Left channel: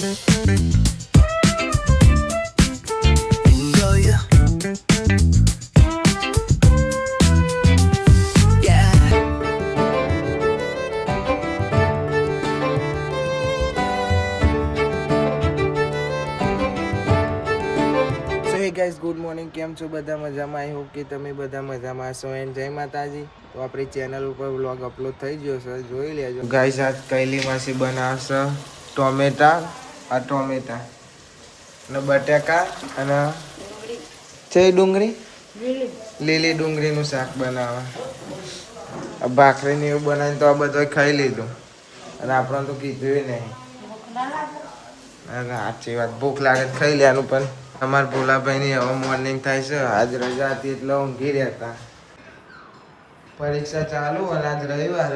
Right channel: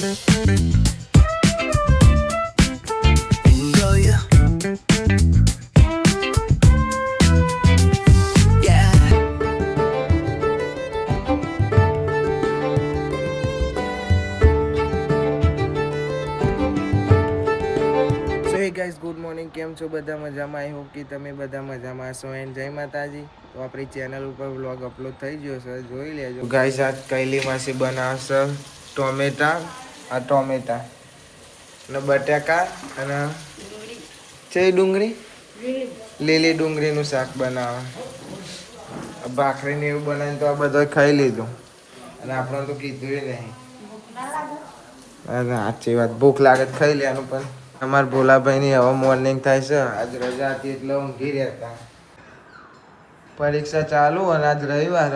Guys good morning, કેમ છો બધા? મજામાં? આઈ હોપ કે તમે બધા મજામાં હશો. એન્ડ જય માતાજી. તો આપણી ચેનલ ઉપર વ્લોગ અપલોડ થઈ ગયો છે, જોઈ લેજો. ગાઈઝ આજ કૈલી માસી બનાવશે ટોમેટા અને બટાકા અને ચઈ ડુંગળી, લીલી ડુંગળીનું શાક બનાવે. ભાખરીને એવું બનાવીને તો આ બધા ખાઈ લીધું અને આપણે તો કીધું નહીં. સાચી વાત, ભૂખ લાગે ખાઈ લેવાનું. પણ અમારા ભોલાભાઈની હવે મોર્નિંગ થાય છે. આજ રજા હતી એટલે ઊંઘી રહેતા. પરીક્ષા ચાલુ અને આજ રવિવાર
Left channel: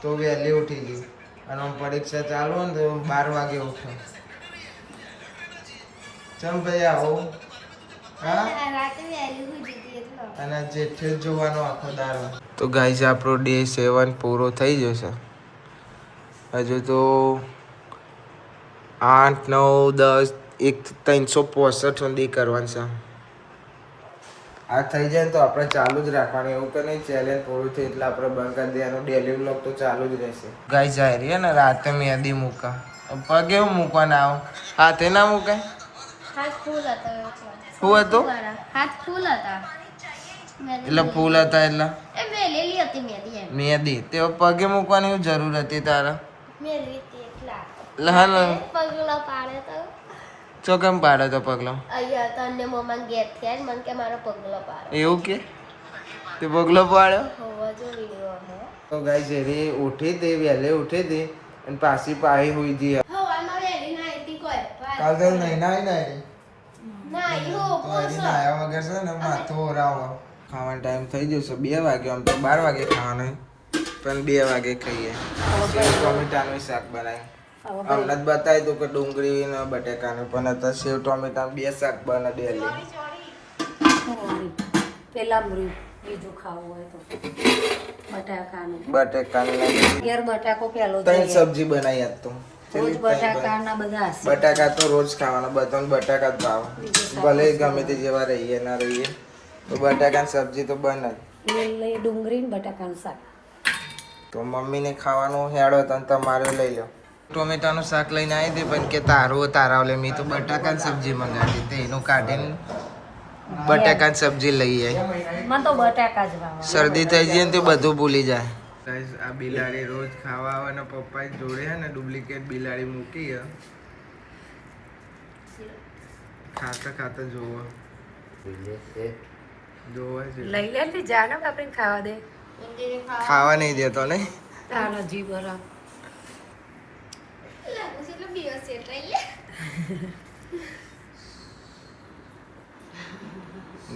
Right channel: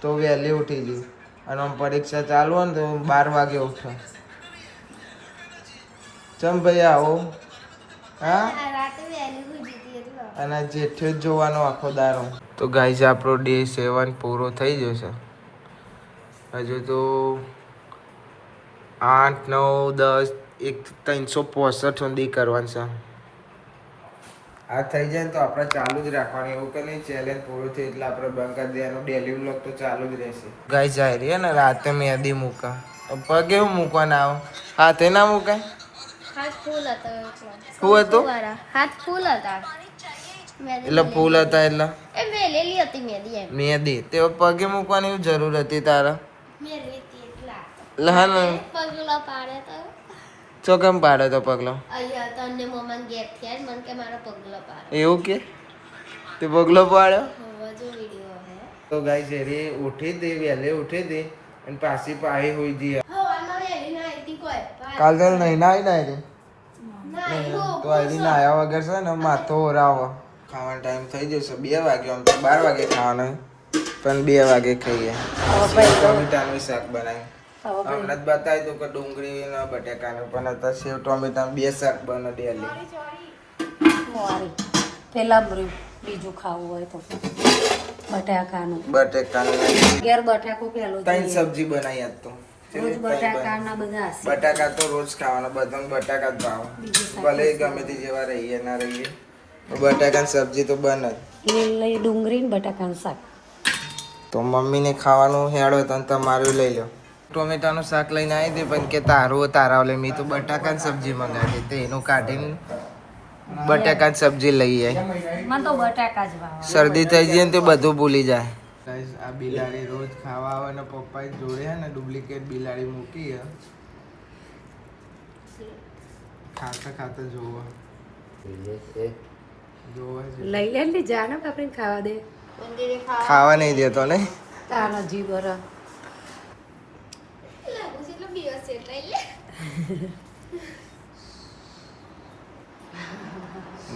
તો વહેલી ઉઠી ગઈ. અને આમ પરીક્ષા ચાલુ હોય ને તો 12 વાગે ઉઠો. ચમ ભાઈ આવો? હા, અને જેઠે જ જોવાનો આખો દારો. તો ગાઈઝ આપણો ડે 7 પૂરો થઈ જશે. હજુ તો 8, 9, 10, 365 સુધી કરવાનું છે. આ થઈ જાય ને તો આપણે ચાલુ જ રાખવાનું. એવું કે નહીં ચેલેન્જ પૂરું થઈ એટલે આપણે બંધ કરી દેવાનું. ડેલી બ્લોગ તો ચાલુ જ રહેશે. ગાય જાય રહી ને રાતે મહેંદી મૂકા. પગ એવું મૂકવાના આવો, હાથે ના મૂકાય. હાથ ફૂલ હતા. શું હતું? હાથ ફૂલ હતા એટલે ફૂલ હતા એટલે એ મેલેલી હતી મહેંદી. મહેંદી તે પગે મૂકવાની જરૂર હતી તારા? મેલી હતી એટલા લહન પગલા પાડે તો ચો કેમ પાડે તો પગલો? અહીંયા તને મમ્મા ગેટ થયા મને કે મારો પગલો પાડે. એવું કે તે પગલો પાડ્યો? હોવા જો વિડિયો હે. તો ગાઈસ એરી ઉઠી હતી, વહેલે ઉઠી હતી અને પાછી પાહી હોઈ ગઈ. હવામાં વેલી ના આઈતી કોઈ કાલ તો નહીં નાઈ નાઈ નાઈ હો તો અહીં નાયા વગર છે ને માથો ઓરાવો. ખાવાનો ટાઈમ થઈ જશે 2 વાગે. આમ તો 12 વાગે ખાવાનું પણ 2 વાગે ખાઈએ. સેવ ટોમેટાનું શાક બનાવ્યું. અમને જ બતાવી દઉં કે ડુંગળી ને બટેકાનું, પણ અત્યારે સેવ ટોમેટાનું 2 શાક બને ડેલી. પેલા બીજું ખાવું હોય તો બટાકાનું ઘેર બટાકો પેલો 3 સબ્જી બનાવી આજ તો. રોજ બટાકાના બધા બટાકા તો રોજ ખાવાના, બધાને બટાકા જ ભાવે. ભલે ગમે તે જેવા રહીએ ના રહીએ તો બટાકાની સબ્જી તો બને જ. લીલી ડુંગળી ને બટાકાનું શાક તો મમ્મીને ખાવાનું હેડો તો તમારે લઈ લો. ટોમેટાનું શાક લઈને આવી દે પણ કે તારું તારા લે. મેં તો બટાકાની સબ્જી મંગાવી હતી, એનું કાઢીને બટાકાની સબ્જી લઈ આવી. મને તો બટાકા જ ભાવે. શરદી થઈ જાય ને તો બધું ભૂલી જાય. આ બિલાડી રોજ ખાવા આવે ને પપ્પા જોડે હે ને ડુપ્લિકેટ બિલાડી મૂકી હે. ખાતા જોવો લઈ લે ને જાનો આપણે ખાવા દે. ખાવા નહીં દેતો ને તાનો જીવ બરા લાગુ છે એટલે દિવસ એટલે લે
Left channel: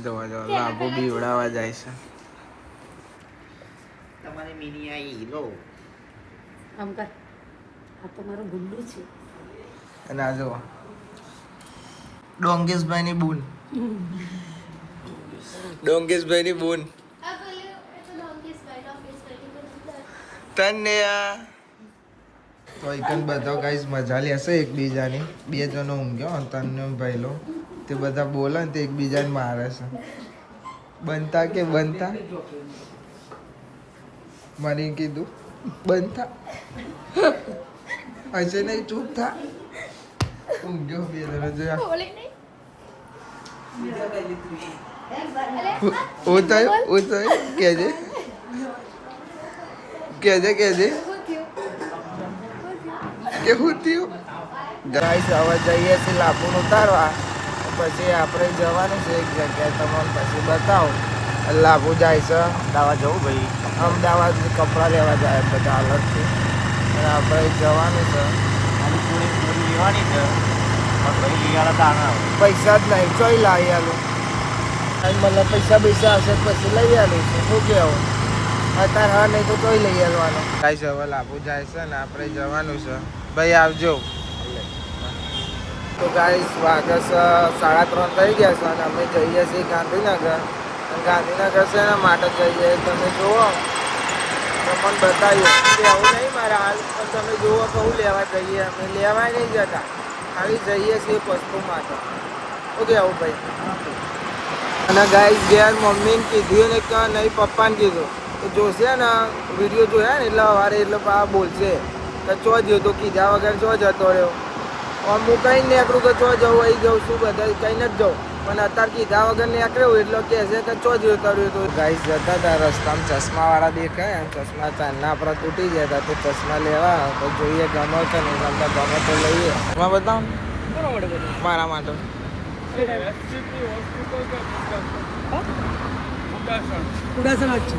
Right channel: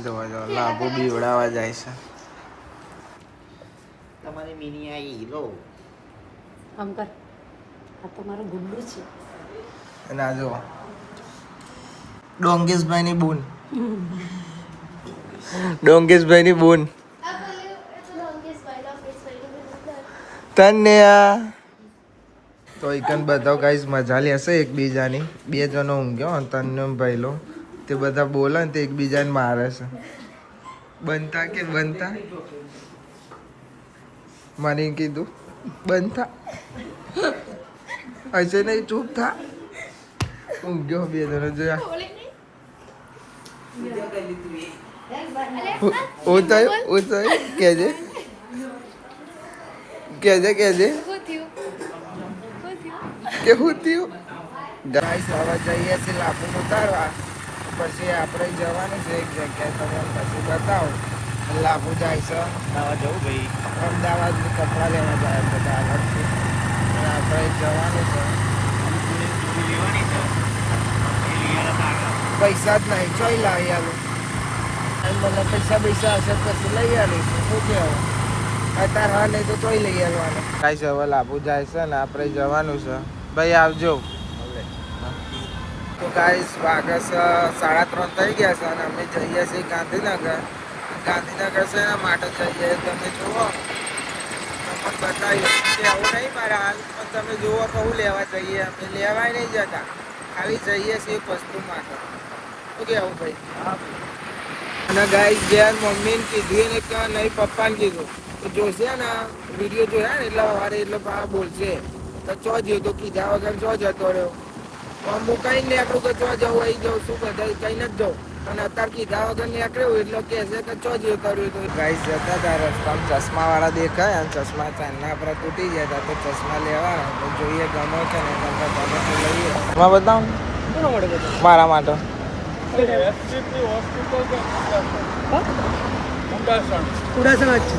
જોવા લાભો બીવડાવા જાય છે. તમારી મિની આઈ લો આમ કર. આ તો મારું ગુલ્લુ છે. અને આ જો ડોંગેશભાઈની બૂન. ડોંગેશભાઈની બૂન આ બોલ્યો એટલે લોંગેશ ભાઈ તને તો એકન બધા ગાઈસ મજા લેશે એકબીજાની. 2 જણો ઊંઘ્યો અને તને ભાઈલો તે બધા બોલે ને તે એકબીજાને મારે છે. બનતા કે બનતા મને કીધું બનતા હશે નહીં, ચૂપ થા. ઊંઘ્યો 2 જણો જોયા. હું થયું કેજે કે હું થયું. ગાઈસ હવે જઈએ છીએ લાભુન ઉતારવા. પછી આપણે જવાનું છે એક જગ્યાએ, તમને પછી બતાવો. લાભુ જાય છે અમદાવાદ. જવું ભાઈ અમદાવાદ કપડાં લેવા જાય બધા અલગથી. અને આપણે જવાનું છે. લેવાની છે પૈસા જ નહીં, ચોઈ લાવી આલું. મને પૈસા હશે પછી લઈ આલું છું. શું કહેવું? અત્યારે હા નહીં તો ચોઈ લઈ આવવાનો. ગાઈસ હવે લાભુ જાય છે ને આપણે જવાનું છે. ભાઈ આવજો. તો ગાઈસ વાગે છે 3:30 થઈ ગયા છે અને અમે જઈએ છીએ ગાંધીનગર. ગાંધીનગર છે એના માટે જઈએ. તમે જુઓ તમને બતાવીએ કે આવું નહીં મારા હાલ, પણ તમે જુઓ કે હું લેવા જઈએ. અમે લેવાય નહીં જતા. ખાલી જઈએ છીએ વસ્તુ માટે. ઓકે આવું ભાઈ. અને ગાઈસ ઘેર મમ્મીને કીધું ને કે નહીં પપ્પાને કીધું તો જોશે ને વિડીયો જોયા ને એટલે સવારે એટલે પા બોલશે કે ચો જ્યો તો કીધા વગર ચો જતો રહ્યો. આમ હું કંઈ નીકળું કે ચો જવું અહીં જવું શું બધા કંઈ નથી જવું પણ અત્યારે કીધા વગર નીકળ્યું એટલે કહેશે કે ચો જતો રહ્યો. તો ગાઈસ જતા હતા રસ્તામાં ચશ્માવાળા દેખાય અને ચશ્મા ચાંદના આપણા તૂટી ગયા હતા તો ચશ્મા લેવા તો જોઈએ ગમે છે ને ગમતા ગમે તો લઈએ. એમાં બતાવું મારા માટે કુડાસન જ છે.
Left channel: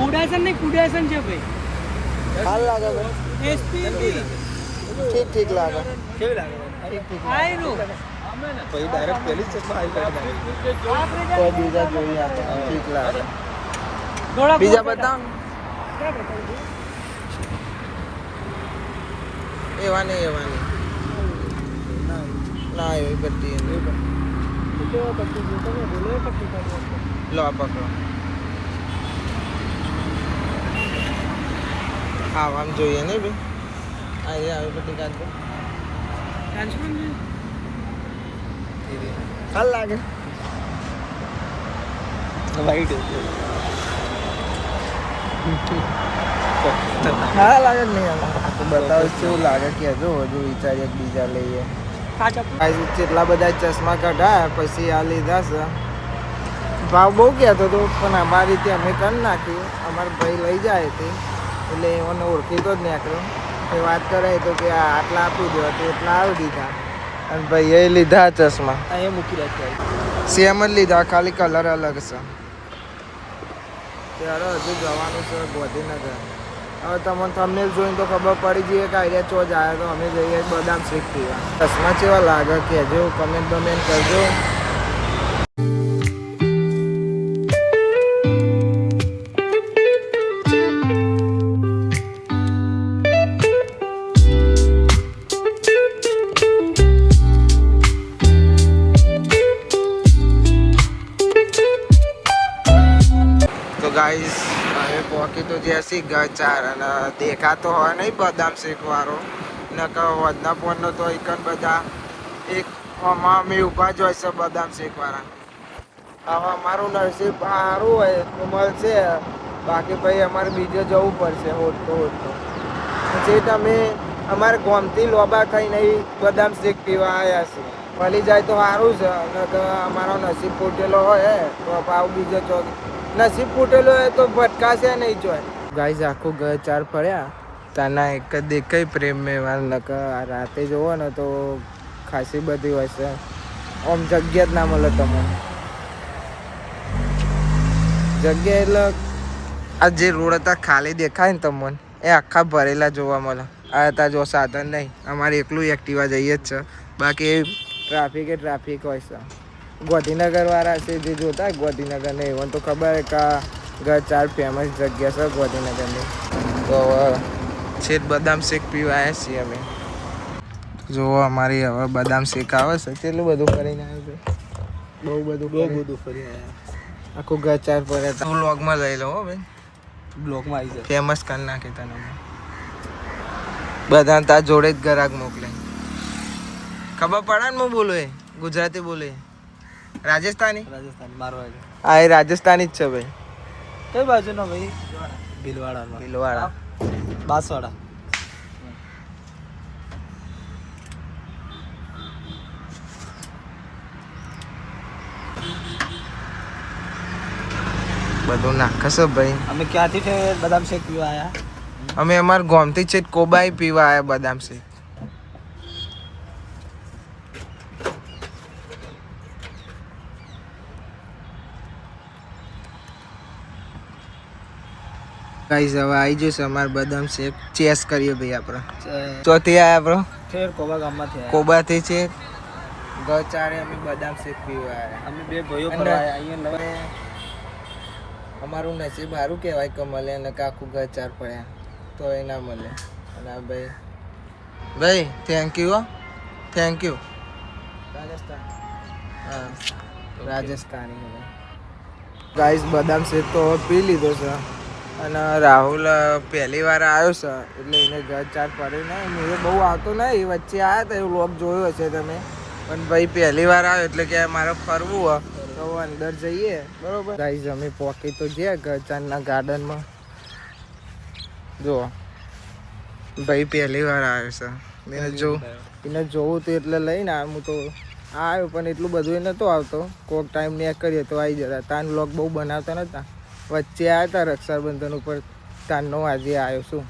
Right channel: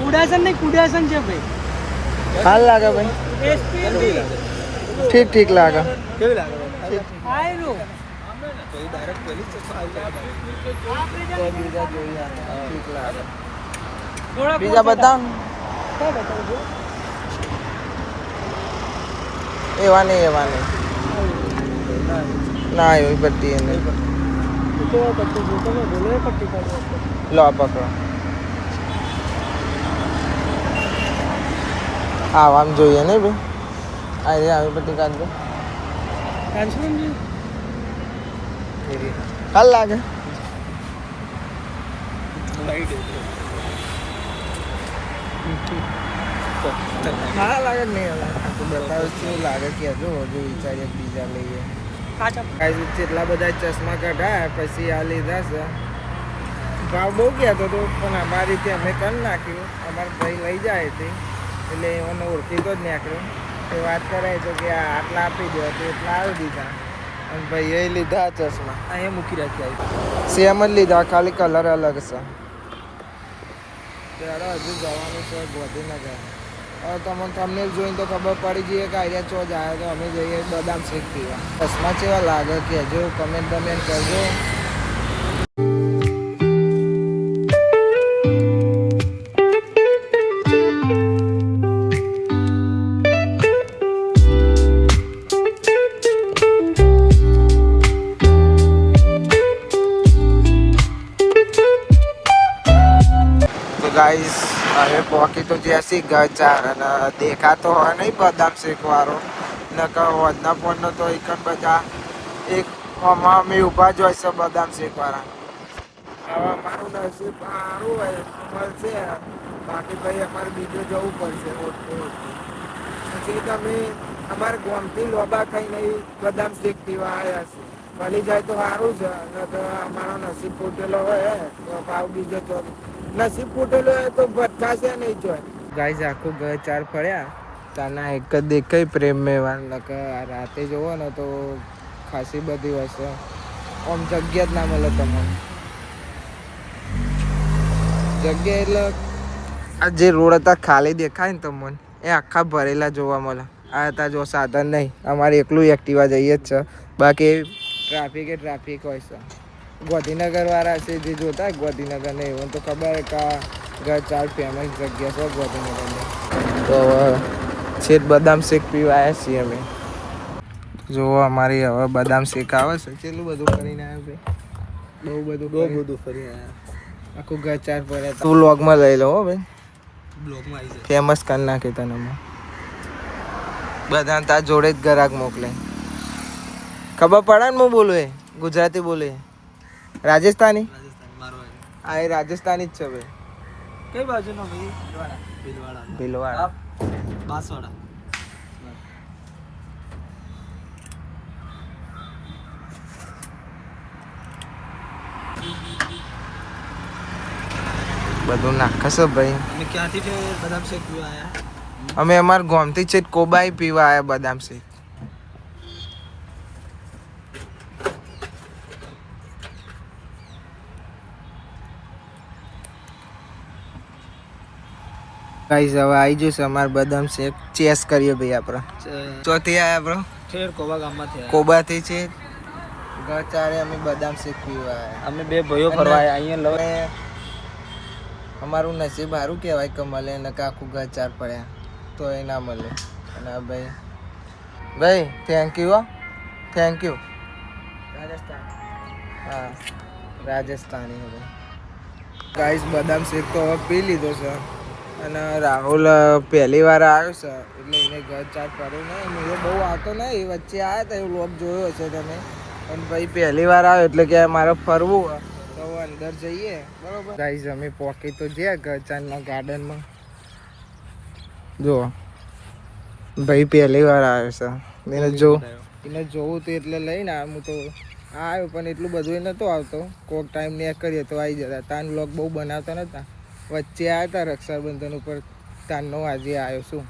કુડાસન નહીં કુડાસન છે ભાઈ. હાલ લાગે ભાઈ એસપીબી ઠીક ઠીક લાગે. કેવી લાગે? ઠીક ઠીક. આયરો પછી ડાયરેક્ટ પહેલી જ ચશ્મા આવી તો બીજા જોઈએ આ તો ઠીક લાગે. બીજા બતાવો ને. એવા નહીં ના એવી પટ્ટી એ નહીં. લો પકડો. આમ જોઈએ નહીં ભાઈ આવી પટ્ટી કાઢ દો. કાલ લાગે હા લાગે નહીં તો બતાવો કેવું લાગે કહેજો હજુ વિચારીએ બીજા લઈએ. કેટલા બધા ચશ્મા કઢાયા પછી આ લીધા છે. ભાવ બહુ કહેતો હતો પણ અમારી રીતે અમે કરી નાખ્યું. અમારા ભાઈ લઈ જાય એટલે એઓને ઓળખીતો જ નીકળ્યો. એ વાત કરે તો કે આટલા આપી દેવા તો એટલા આવી દીધા અને ભાઈએ લીધા ચશ્મા અહીંયા મૂકી રાખ્યા. સેમ જ લીધા ખાલી કલર અલગ છે. ત્યારે હજુ જવાનું છે ગાંધીનગર. હવે તમને જોઈને તો ખબર પડી જઈએ કે અહીંયા ચો જાય તો અમે જઈએ બદામ શેક પીવા. ચશ્મા કેવા લાગે કહેજો, કમેન્ટ બમેન્ટ કરજો. ગાઈસ હવે પોકી તો જ્યાંથી ગચાર અને દેખાતો હોય નહીં બદામ શેક વાળો નકર વધના ફોનનો તો એકન બધા એક અમે ઊભા જ હોય છે બદામ શેક વાળા. હવે અમારું નસીબ સારું હોય તો મળશે, બાકી ભાઈ અમારે બીજો જવું પડશે હોટતો. પછી તમે અમારે ગામથી લોબા થઈને બદામ શેક પીવા આવ્યા છે. મળી જાય તો સારું છે નકર અમારો નસીબ ફૂટેલો હોય તો ભાવ બીજો ચોક નસીબ ફૂટેલો હોય તો ભટકાશે નહીં જોય. ગાઈઝ આખું ઘર ચાર ફર્યા ત્યાંના એક જ દેખાય પ્રેમ મેવા નકર રાતે જોવો ને તો ખાસી બધી હોય છે. આમ જગ્યા જ ના મળે તમને. જગ્યા એટલે આ જે રોડ હતા ખાલી દેખાય ને તમને એ આખા ભરેલા જોવા મળે. આ હતા જો સાધન નહીં, અમારે એકલું એક્ટિવા જઈએ જ છે, બાકી ટ્રાફિક હોય છે. ગાંધીનગર વાળા છે જે જોતા હોય ગાંધીનગર ને એવન તો ખબર કે આ ચાર ફેમસ જગ્યા છે ગાંધીનગરની. તો છેદ બદામ શેક પીવા આવ્યા છીએ અમે. જો અમારી હવે બદામ શેક આવે છે. કેટલું બધું ફરીને આવ્યો ભાઈ, બહુ બધું ફરી આવ્યા. આખું ઘર ચાર પર તું વ્લોગમાં લઈ લો હો ભાઈ, બ્લોકમાં આવી જાય. ફેમસ કરી નાખ્યું તને. બધા તાર જોડે જ ગ્રાહક મોકલે. ખબર પડે ને હું બોલું એ ગુજરાતી બોલું રાજસ્થાની. રાજસ્થાન મારવાડી. હા એ રાજસ્થાની જ છે ભાઈ. કઈ બાજુનો ભાઈ? ભીલવાડા. બાંસવાડા. બધું નાખશે ભાઈ. અમે ક્યાંથી છે બદામ શેક પીવા આવ્યા? અમે અમારા ગામથી છે કોબાઈ પીવા આવ્યા બદામ શેક. ગાઈસ હવે આવી જશે અમારે બદામ શેક ચેસ કરીએ ભાઈ. આપણે ચોથી આયા બ્રો ઠેર કોબા ગામમાંથી આવ્યા. કોબાથી છે ગચારે અમે બદામ શેક પીવા આવ્યા. અમે બે ભાઈઓ ફરવા આવ્યા અહીંયા લવે. અમારું નસીબ સારું કહેવાય કે મળે ને કે આખું ઘર ચાર પડ્યા તો એ ના મળે. અને ભાઈ થેન્ક યુ. રાજસ્થાન. હા રાજસ્થાની ભાઈ. ગાઈસ બદામ શેક તો હવે પી લીધો છે. અને રાહુલ પહેલી વાર આવ્યો છે એટલે એને ઘર ચાર પડે ને હું બહુ આવતો ને એ વચ્ચે આવ્યા હતા એવું લોક જોયો હશે તમે પણ ભાઈ પહેલી વાર આવ્યો એટલે કે મારે ફરવું હોય તો અંદર જઈએ બરોબર ગાઈસ અમે પોકી તો ગયા ઘર ચારના ગાર્ડનમાં જો ભાઈ પહેલી વાર આવ્યો છે એને જોવું તો એટલે લઈને હું તો આવ્યો પણ એટલું બધું એ નહોતો આવતો કોઈક ટાઈમ ને કરીએ તો આવી જતા તાન લોક બહુ બનાવતા નહોતા વચ્ચે આવ્યા હતા રક્ષાબંધન ઉપર તાનનો આજે આવ્યો છું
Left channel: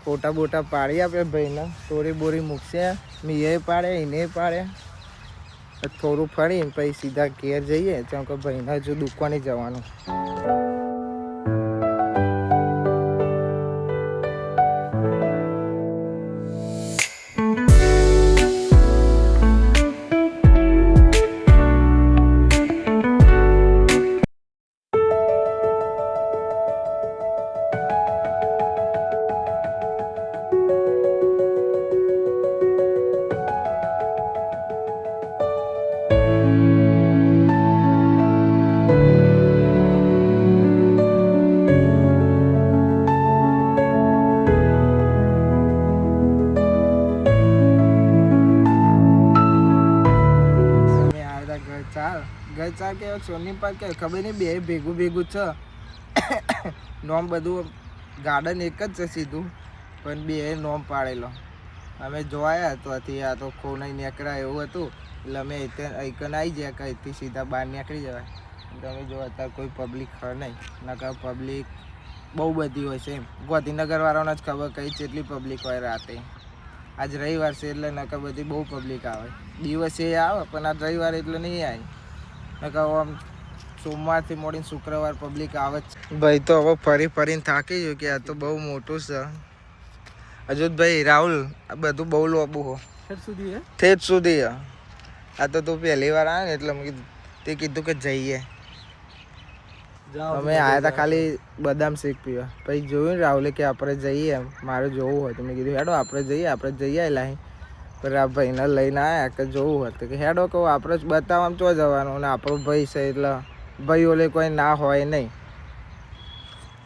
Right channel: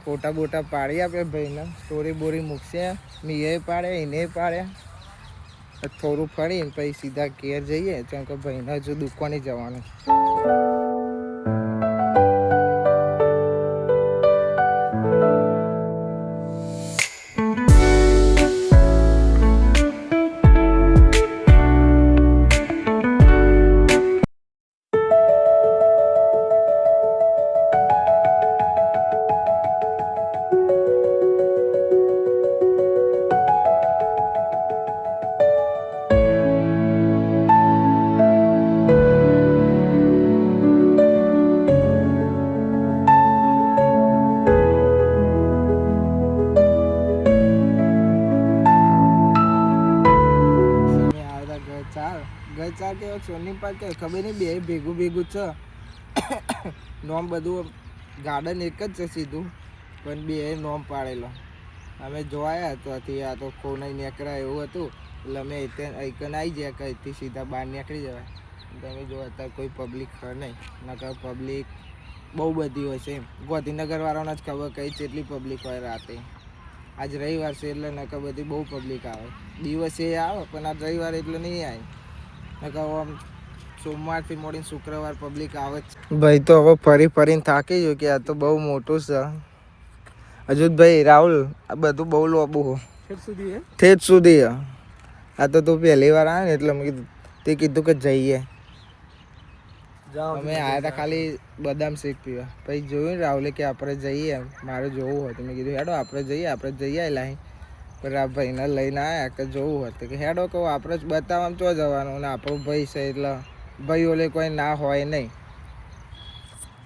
ફોટા બોટા પાડી આપણે ભાઈને સ્ટોરી બોરી મૂકશે મીએ પાડે એને પાડ્યા થોડું ફરીને પછી સીધા ઘેર જઈએ કેમ કે ભાઈને હજુ દુકાને જવાનું ઘર ચાર કે સોની પાર્ક કે ખબર નહીં બે ભેગું છે નોમ બધું ગાર્ડન એક જ છે સીધું પણ બે નોમ પાડેલો અમે જોયા ત્યાંથી આ તો ખો નહીં નીકળ્યા એવું હતું એટલે અમે એકન આવી ગયા કે અહીંથી સીધા બહાર નીકળી જવાય તમે જો અત્યારે કોઈ પબ્લિક હોય નહીં નકર પબ્લિક બહુ બધી હોય છે એમ ગાંધીનગરવાળાને જ ખબર કઈ કેટલી પબ્લિક હોય રાતે આજ રવિવાર છે એટલે નકર બધી બહુ પબ્લિક આવે દિવસે આવે પણ આજ રવિવાર એટલે નહીં આવે નકર આમ સોમવારથી મોડીને શુક્રવાર પબ્લિક આવે જ ભાઈ તો હવે ફરીને થાકી ગયો કે આ તો બહુ મોટું છે હજુ ભાઈ રાહુલ આ બધું બહુ લોબું ઠેઠ સુધી આ તો તું પહેલી વાર આવે ને એટલે મેં કીધું તે કીધું કે જઈએ અમે આવ્યા હતા ખાલી બદામ શેક પીવા પછી જોયું ને રાહુલે કે આપણે જઈએ એમ મારે જોવું હોય તો મેં કીધું હેડો આપણે જઈએ લાઈ પણ આ ભાઈને લઈને આવ્યા કે જોવું હતું કે હેડો કહું આપણે જ બતાવવામાં ચો જવાનું અને આપણો ભાઈ છે એટલે ભાઈ ઓલે કોઈ ના હોય નહીં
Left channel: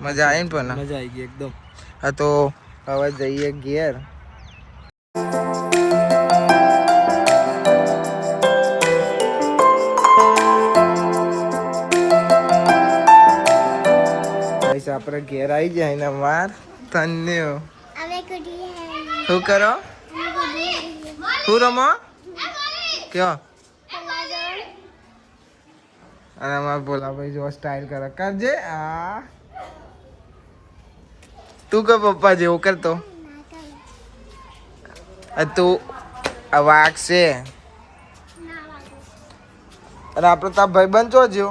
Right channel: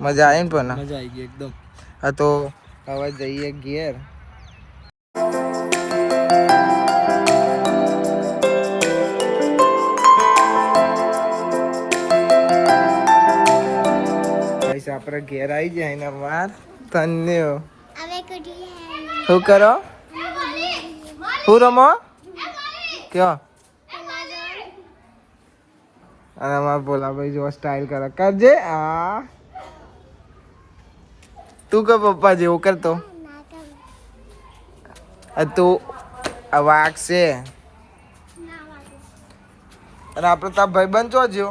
મજા આવી ને પણ મજા આવી ગઈ એકદમ હા તો હવે જઈએ ઘેર આપણે ઘેર આવી જાય ને માર ધન્યો શું કરો શું રમો કયો અને અમારા ભોલાભાઈ જો સ્ટાઇલ કરે કરજે આ તું કે પપ્પા જેવું કરતો તું આ વાઘ છે અને આપણે તાર ભાઈ બંધ જો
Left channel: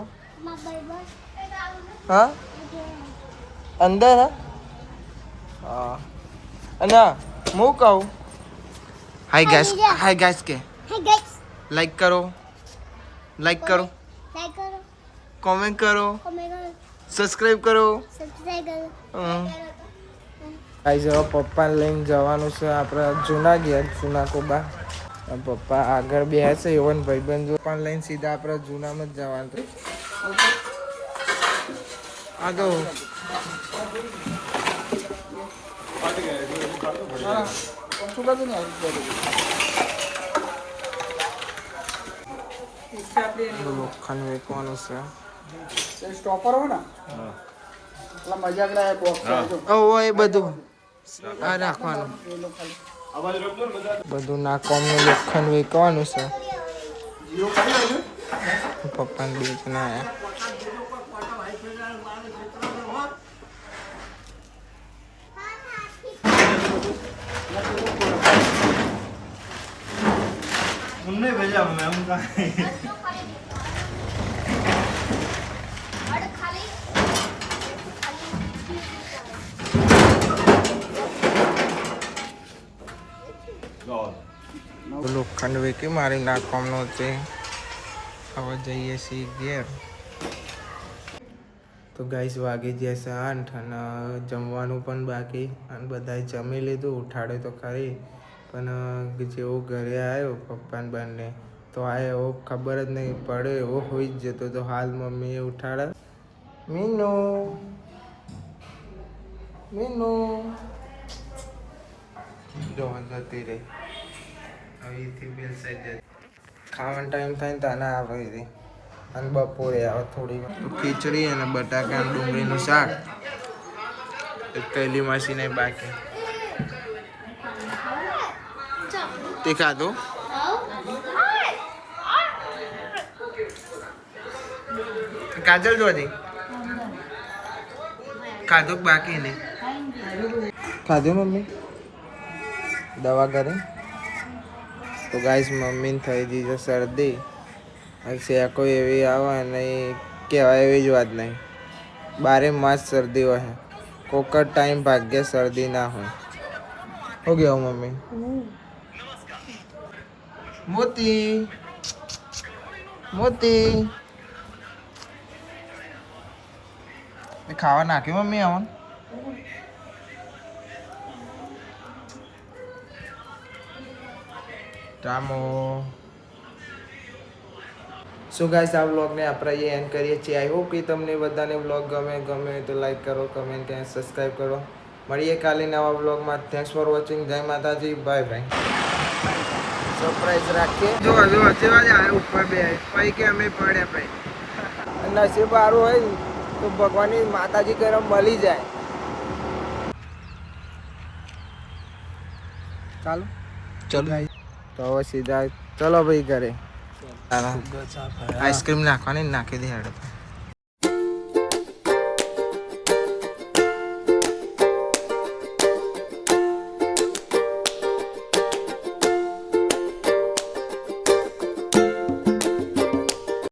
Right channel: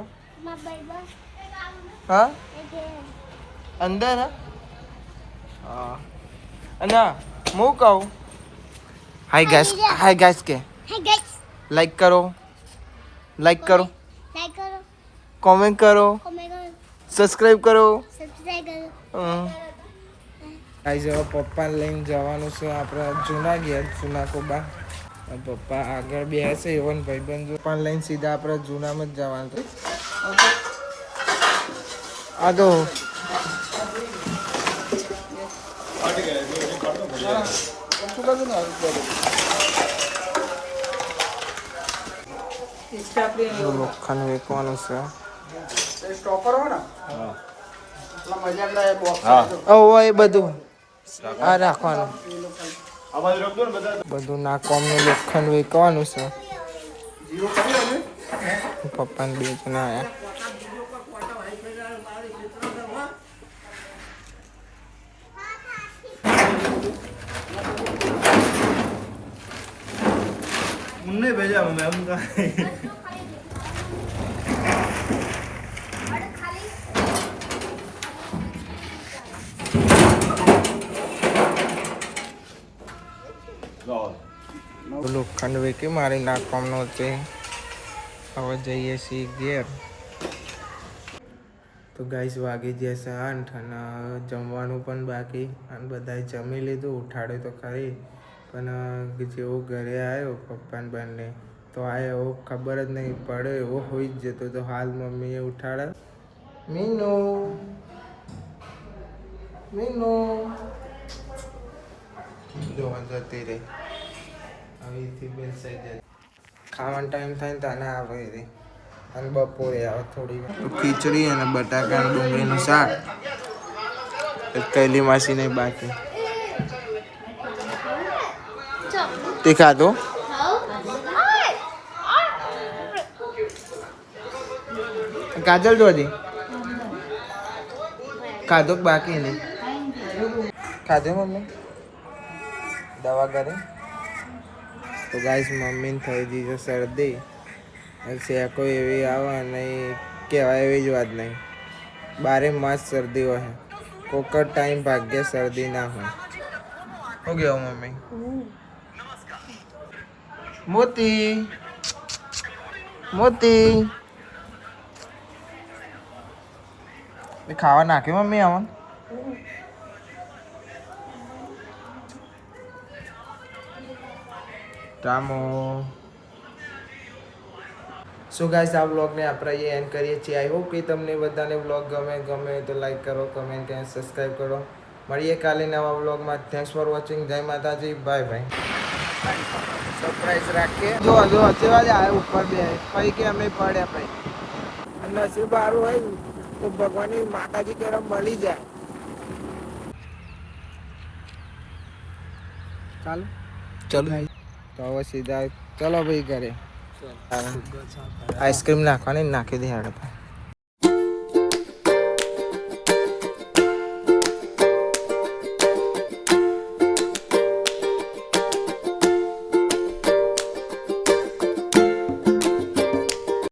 હા અંદર હા અને હું કહું હાય ગાઈસ કે લાઈક કરો કોમેન્ટ કરો સબસ્ક્રાઇબ કરો ગાઈસ હવે પપ્પાને લઈને જવાનું છે આપણે જૂના ઘેર જૂના કોબા પપ્પા આગળ બેસે એવન ભાઈબંધ પપ્પાને લઈને સીધા આપણે જૂનામાં જ જવાનું આ તો લોખંડ વેચવાનું છે એ બધું આ રાખવાનું બધું ના કોમનું લોખંડ વેચવાનું છે પપ્પાને બે જણા આવ્યા मुन्ने भेजा मैं हम લોખંડ વેકી મારી નાખવાનો છે હવે જઈએ છીએ ઘેર તો ગાઈસ વાગી જશે 8 અને જમવાનું પણ બાકી અને બધાએ જમી લીધું ઉઠાડે તો ખરી પણ જેવો ઘરે આવ્યો પપ્પાને બંને તો આ એવો ખબર જ નહીં પડે એવો હોઈ જ જતો તો હાલ મમ્મીએ ઉઠાડે મીનુ મીનુ જોવા જતી રહી. અહીંથી બેલ સાઈડ જાય. ખાવાનો ટાઈમ થાય ને તાને આવે રે. અને બપોરે આવે થોડી ખીચડી અને બટાકા ડુંગળીનું શાક. કૈલી માસીને બાકી તે ખાધું. કાજલ જોધી ખાધું કે બાકી નહીં ખાધું મમ્મી દવા કરી. તો ગાઈસ મમ્મીને થઈ ગઈ છે શરદી અને શેકો એવી આવે નહીં કહેવાય એવી જ વાત નહીં. 12 માસ શરદી હોય. કોક જ ટાઈમ ભાગ્ય શરદી ના હોય. શું કહેવું મમ્મી? મોતી મોતી ખાવા નાખ્યું મમ્મી આવન. રામો સો ગાઈસ આ વ્લોગને આપણે અહીંયા એન્ડ કરીએ છીએ. આઈ હોપ કે તમને બધાને વ્લોગ ગમે તો લાઈક કરો, કમેન્ટ કરો, સબસ્ક્રાઈબ કરો. મળીએ કાલે નવા વ્લોગમાં. Thanks for watching. જય માતાજી. Bye bye. સરપ્રાઈઝ રાખીએ. જો જેવા જ આવે ઉપર બે પછી કે અમે પડ્યા પછી નસીબ સારું હોય તો ભગવાનની માતાજી ગરમ મળી જાય. ચાલો ચલો તો હવે સીધા ચલો ભાઈ ઘરે. આઈસ્ક્રીમ નાખવાની નાખી દે હેડ.